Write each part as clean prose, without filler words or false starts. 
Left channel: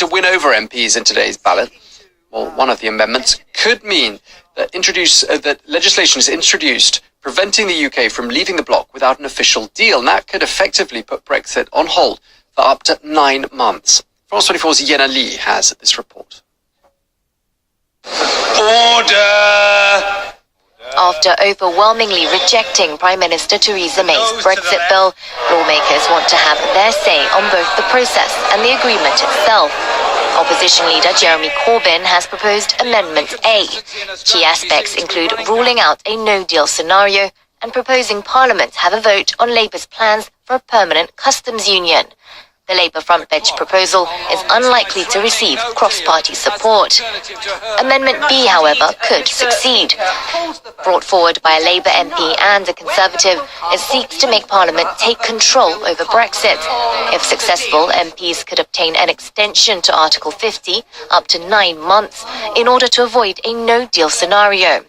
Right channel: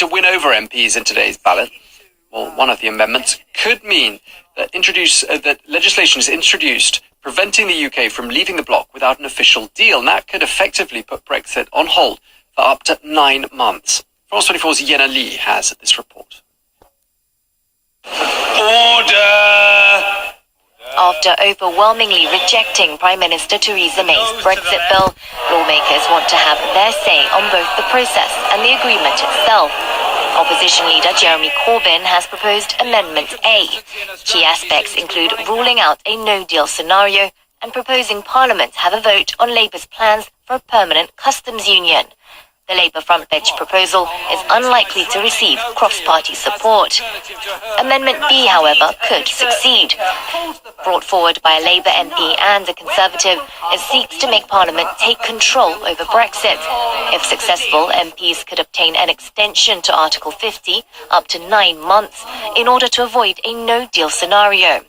to win over MPs in today's ballot. Well, one of the amendments could mean that that legislation is introduced preventing the UK from leaving the bloc without an official deal, and that could effectively put Brexit on hold for up to 9 months. France 24's Yena Lee has this report. Order! After overwhelmingly rejecting Prime Minister Theresa May's Brexit bill, lawmakers want to have their say on both the process and the agreement itself. Opposition leader Jeremy Corbyn has proposed Amendment A. Key aspects include ruling out a no-deal scenario and proposing Parliament have a vote on Labour's plans for a permanent customs union. The Labour front-bench proposal is unlikely to receive cross-party support. Amendment B, however, could succeed. Brought forward by a Labour MP and a Conservative, it seeks to make Parliament take control over Brexit. If successful, MPs could obtain an extension to Article 50 up to 9 months in order to avoid a no-deal scenario.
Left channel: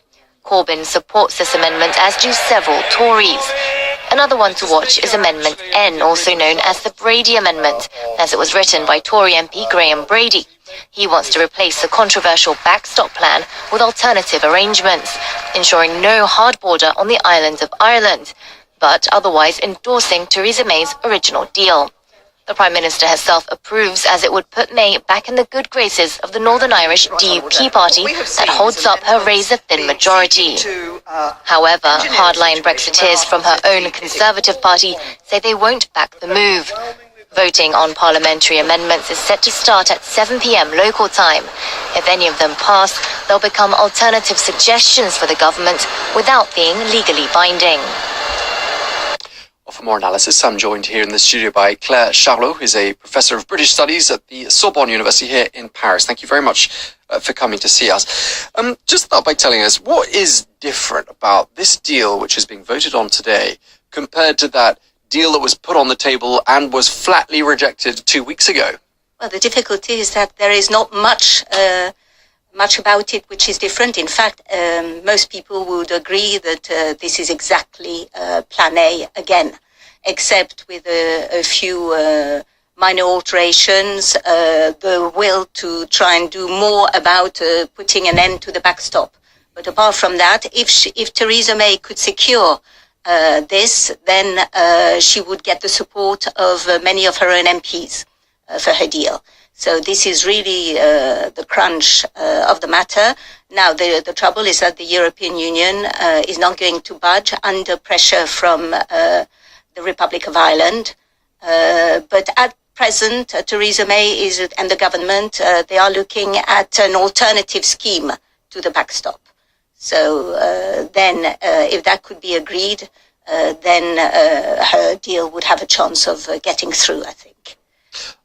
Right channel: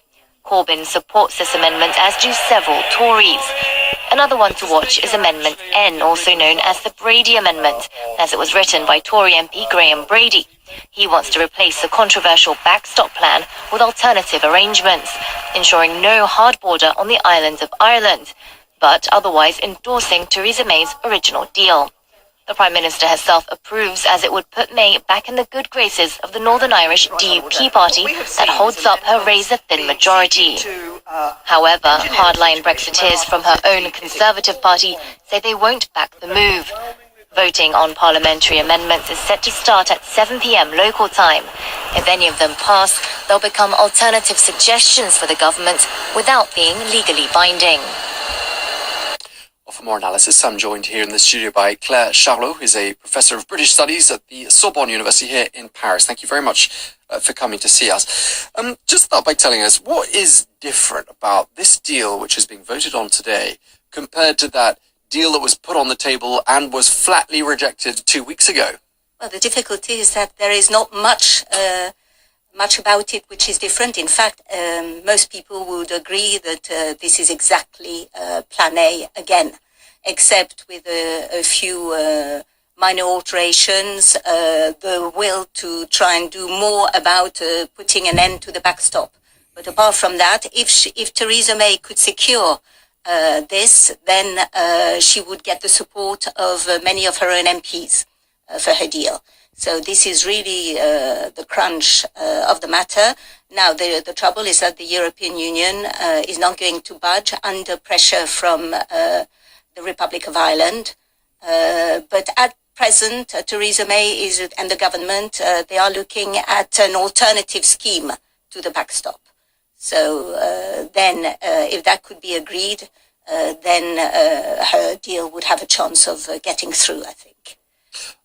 Corbyn supports this amendment, as do several Tories. Another one to watch is Amendment N, also known as the Brady Amendment, as it was written by Tory MP Graham Brady. He wants to replace the controversial backstop plan with alternative arrangements, ensuring no hard border on the island of Ireland, but otherwise endorsing Theresa May's original deal. The Prime Minister herself approves, as it would put May back in the good graces of the Northern Irish DUP party that holds up her razor-thin majority. However, hardline Brexiteers from her own Conservative party say they won't back the move. Voting on parliamentary amendments is set to start at 7 p.m. local time. If any of them pass, they'll become alternative suggestions for the government without being legally binding. For more analysis, I'm joined here in the studio by Claire Charlot, who's a professor of British Studies at the Sorbonne University here in Paris. Thank you very much for coming to see us. Just start by telling us, what is different about this deal which is being voted on today compared to that deal that was put on the table and was flatly rejected 2 weeks ago? Well, the difficulty is that there is not much about it which is different. In fact, most people would agree that this is exactly Plan A again, except with a few minor alterations, the will to try and do more about putting an end to the backstop. But apart from that, if Theresa May could secure this, then she would get the support of many of her own MPs for her deal. So this is really the crunch of the matter. Now, the trouble is that the European Union is not going to budge under pressure from the Republic of Ireland. But at present, Theresa May and the government, they are looking at an alternative scheme to the backstop. So then, if that could be agreed, then her deal would have a chance of getting through, I think.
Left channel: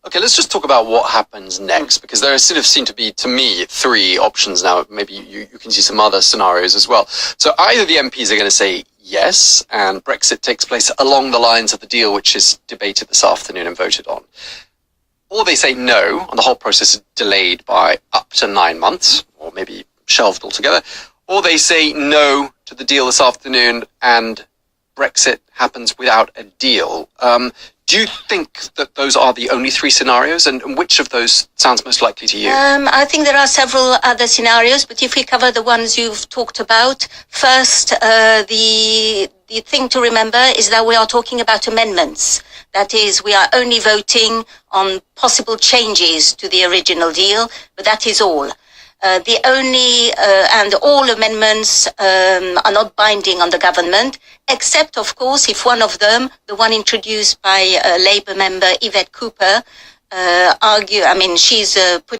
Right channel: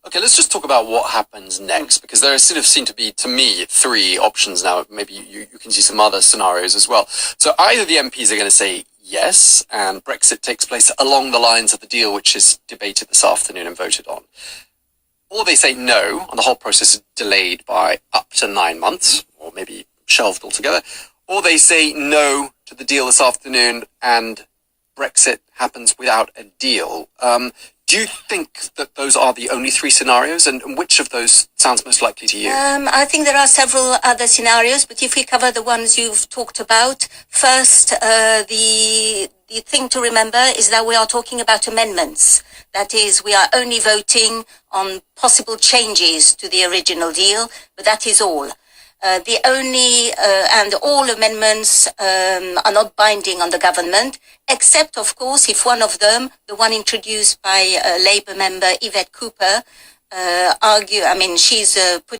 Okay, let's just talk about what happens next, because there sort of seem to be, to me, 3 options now. Maybe you can see some other scenarios as well. So either the MPs are going to say yes, and Brexit takes place along the lines of the deal which is debated this afternoon and voted on, or they say no, and the whole process is delayed by up to 9 months, or maybe shelved altogether, or they say no to the deal this afternoon and Brexit happens without a deal. Do you think that those are the only 3 scenarios, and which of those sounds most likely to you? I think there are several other scenarios, but if we cover the ones you've talked about, first, the thing to remember is that we are talking about amendments. That is, we are only voting on possible changes to the original deal, but that is all. The only, and all amendments are not binding on the government, except, of course, if one of them, the one introduced by Labour member Yvette Cooper, she's put